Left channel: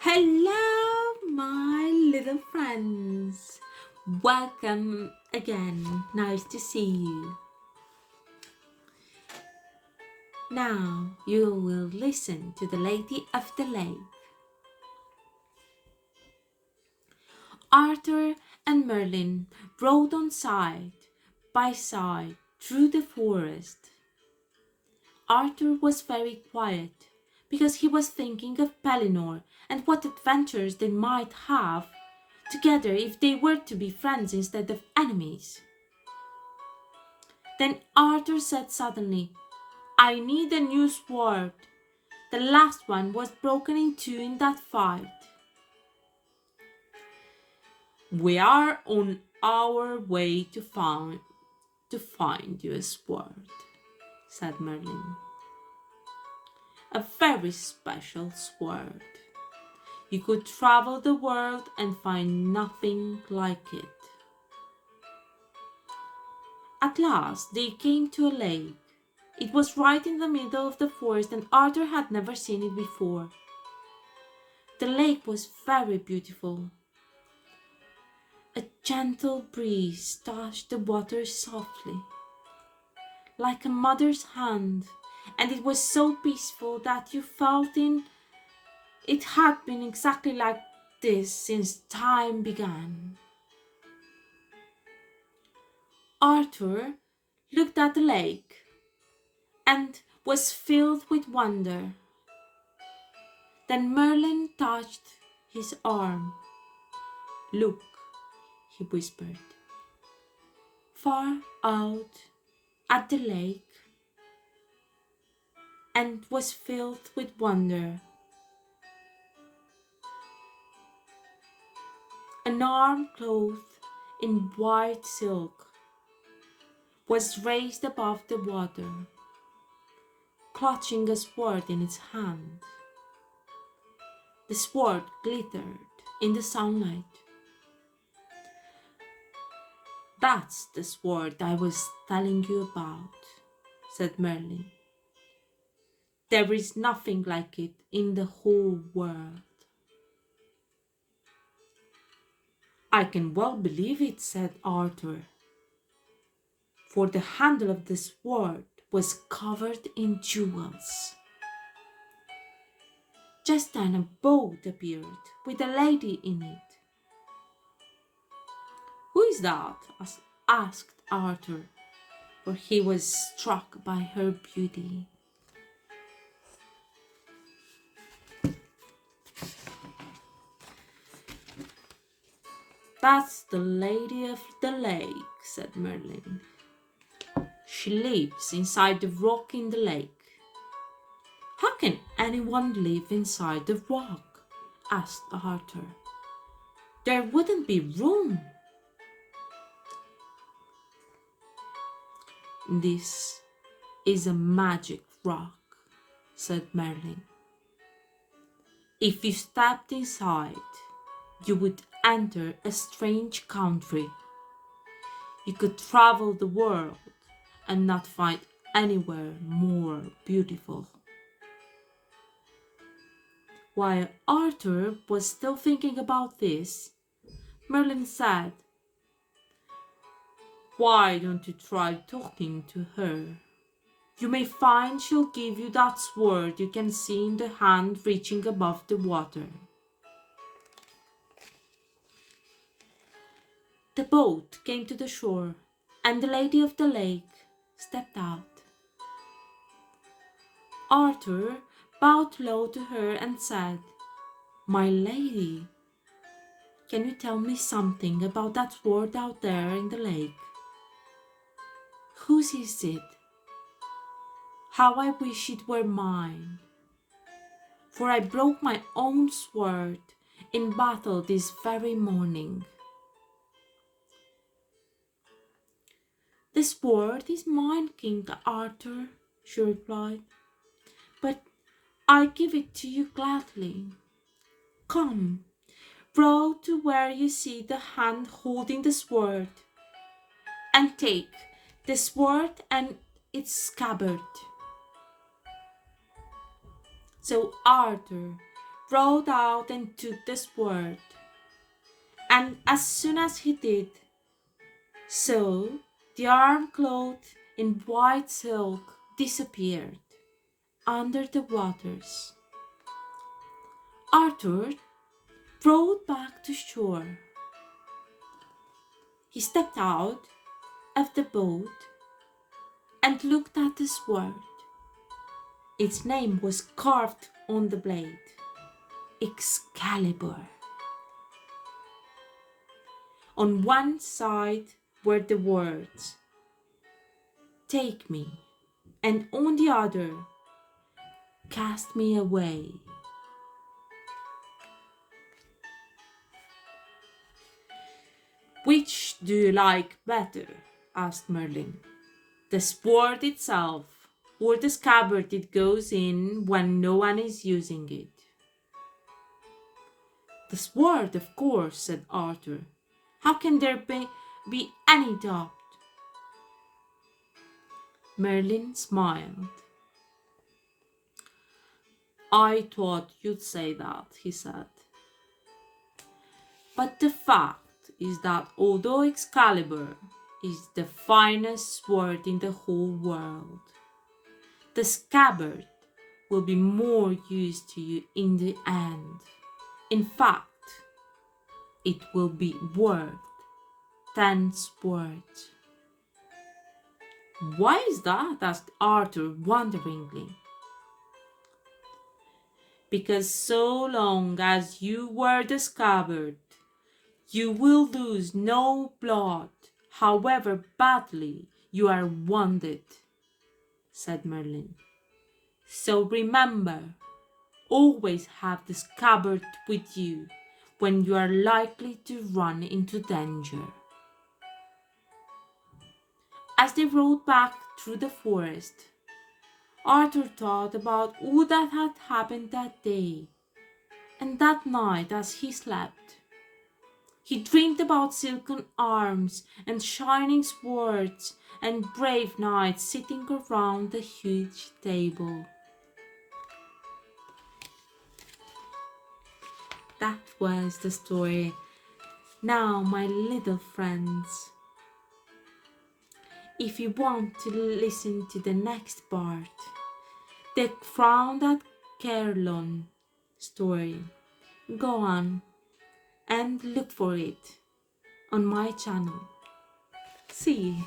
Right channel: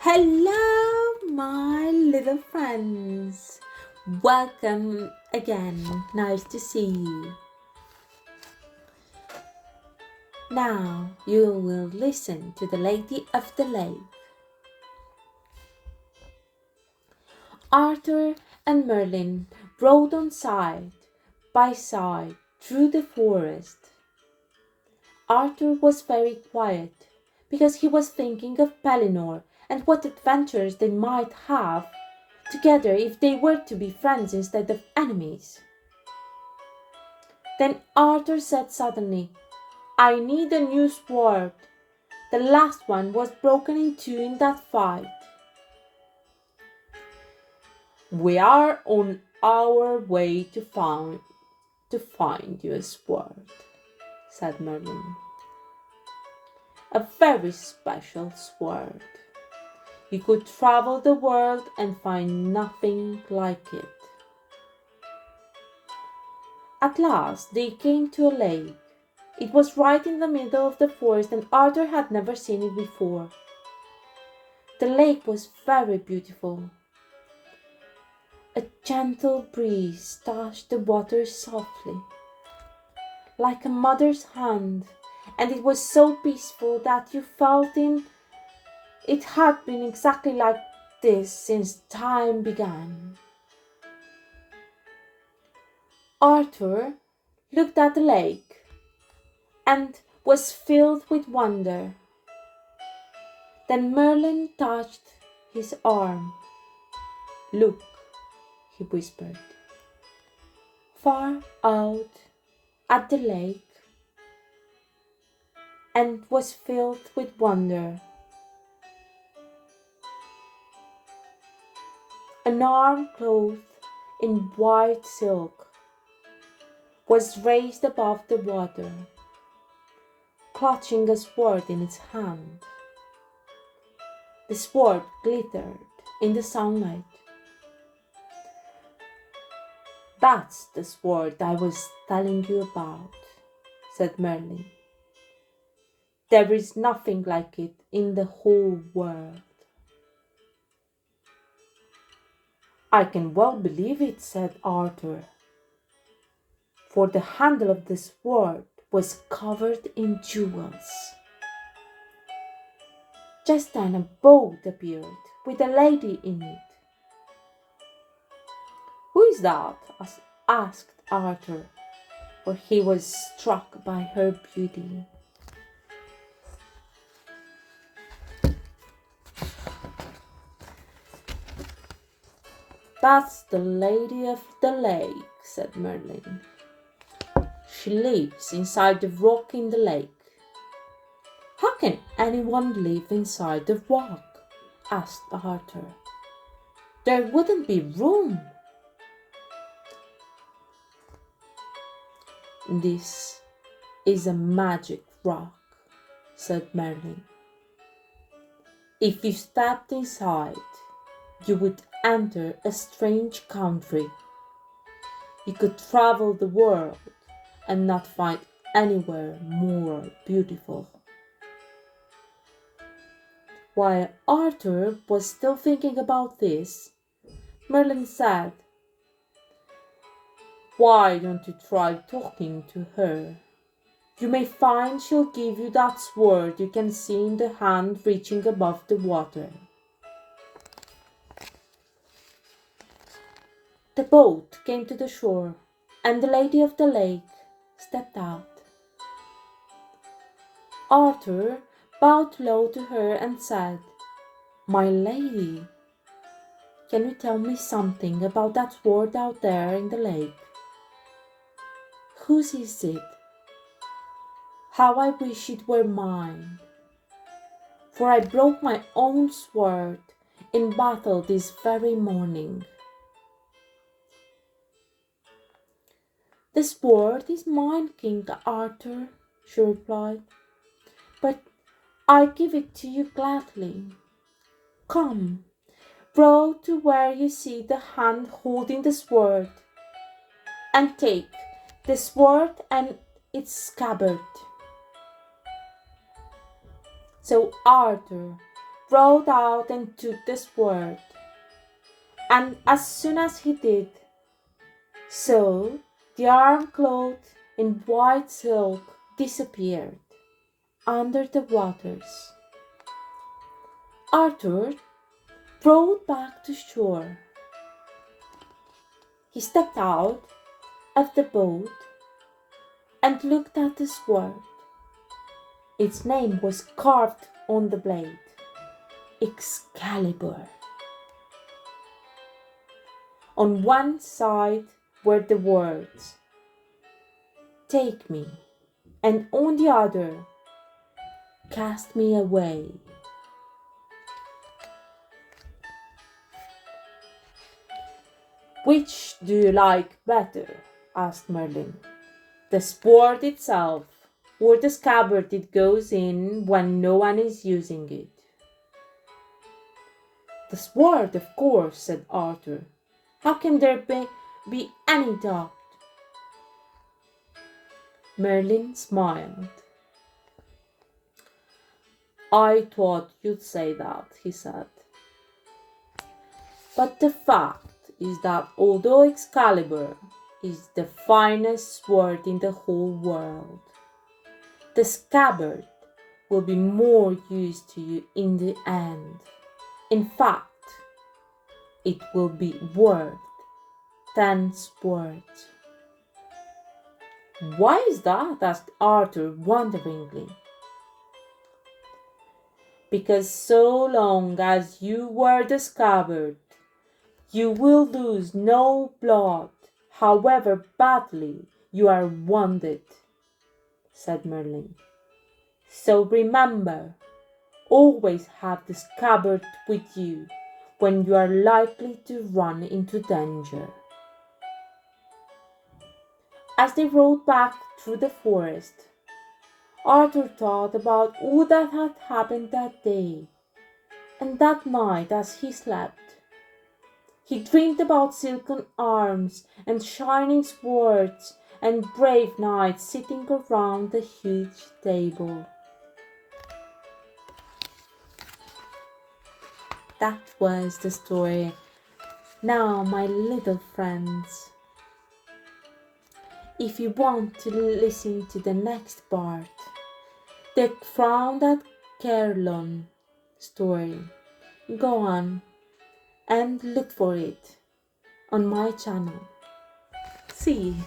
Hello, my little friends. Welcome again. Nice to see you. Now you will listen to the Lady of the Lake. Arthur and Merlin rode on side by side through the forest. Arthur was very quiet because he was thinking of Pellinore and what adventures they might have together if they were to be friends instead of enemies. Then Arthur said suddenly, I need a new sword. The last one was broken in two in that fight. We are on our way to find you a sword, said Merlin. A very special sword. You could travel the world and find nothing like it. At last they came to a lake. It was right in the middle of the forest and Arthur had never seen it before. The lake was very beautiful. A gentle breeze touched the water softly, like a mother's hand, and it was so peaceful that you felt it had been exactly like this since time began. Arthur looked at the lake and was filled with wonder. Then Merlin touched his arm. Look, he whispered. Far out at the lake, and was filled with wonder. An arm clothed in white silk was raised above the water, clutching a sword in its hand. The sword glittered in the sunlight. That's the sword I was telling you about, said Merlin. There is nothing like it in the whole world. I can well believe it, said Arthur, for the handle of the sword was covered in jewels. Just then a boat appeared with a lady in it. Who is that? Asked Arthur, for he was struck by her beauty. That's the Lady of the Lake, said Merlin. She lives inside the rock in the lake. How can anyone live inside the rock? Asked Arthur. There wouldn't be room. This is a magic rock, said Merlin. If you stepped inside, you would enter a strange country. You could travel the world and not find anywhere more beautiful. While Arthur was still thinking about this, Merlin said, Why don't you try talking to her? You may find she'll give you that sword you can see in the hand reaching above the water. The boat came to the shore, and the Lady of the Lake stepped out. Arthur bowed low to her and said, My lady, can you tell me something about that sword out there in the lake? Whose is it? How I wish it were mine, for I broke my own sword in battle this very morning. The sword is mine, King Arthur, she replied, but I give it to you gladly. Come, row to where you see the hand holding the sword, and take the sword and its scabbard. So Arthur rode out and took the sword. And as soon as he did so, the arm clothed in white silk disappeared under the waters. Arthur rowed back to shore. He stepped out of the boat and looked at the sword. Its name was carved on the blade, Excalibur. On one side were the words, "Take me," and on the other, "Cast me away." "Which do you like better?" asked Merlin. "The sword itself, or the scabbard it goes in when no one is using it?" "The sword, of course," said Arthur. "How can there be any doubt?" Merlin smiled. "I thought you'd say that," he said. "But the fact is that although Excalibur is the finest sword in the whole world, the scabbard will be more use to you in the end. In fact, it will be worth 10 swords." "Why is that?" asked Arthur wonderingly. "Because so long as you wear the scabbard, you will lose no blood, however badly you are wounded," said Merlin. "So remember, always have the scabbard with you when you are likely to run into danger." As they rode back through the forest, Arthur thought about all that had happened that day, and that night as he slept. He dreamed about silken arms and shining swords and brave knights sitting around the huge table. That was the story. Now, my little friends, if you want to listen to the next part, the Crown at Caerleon story, go on and look for it on my channel. See you.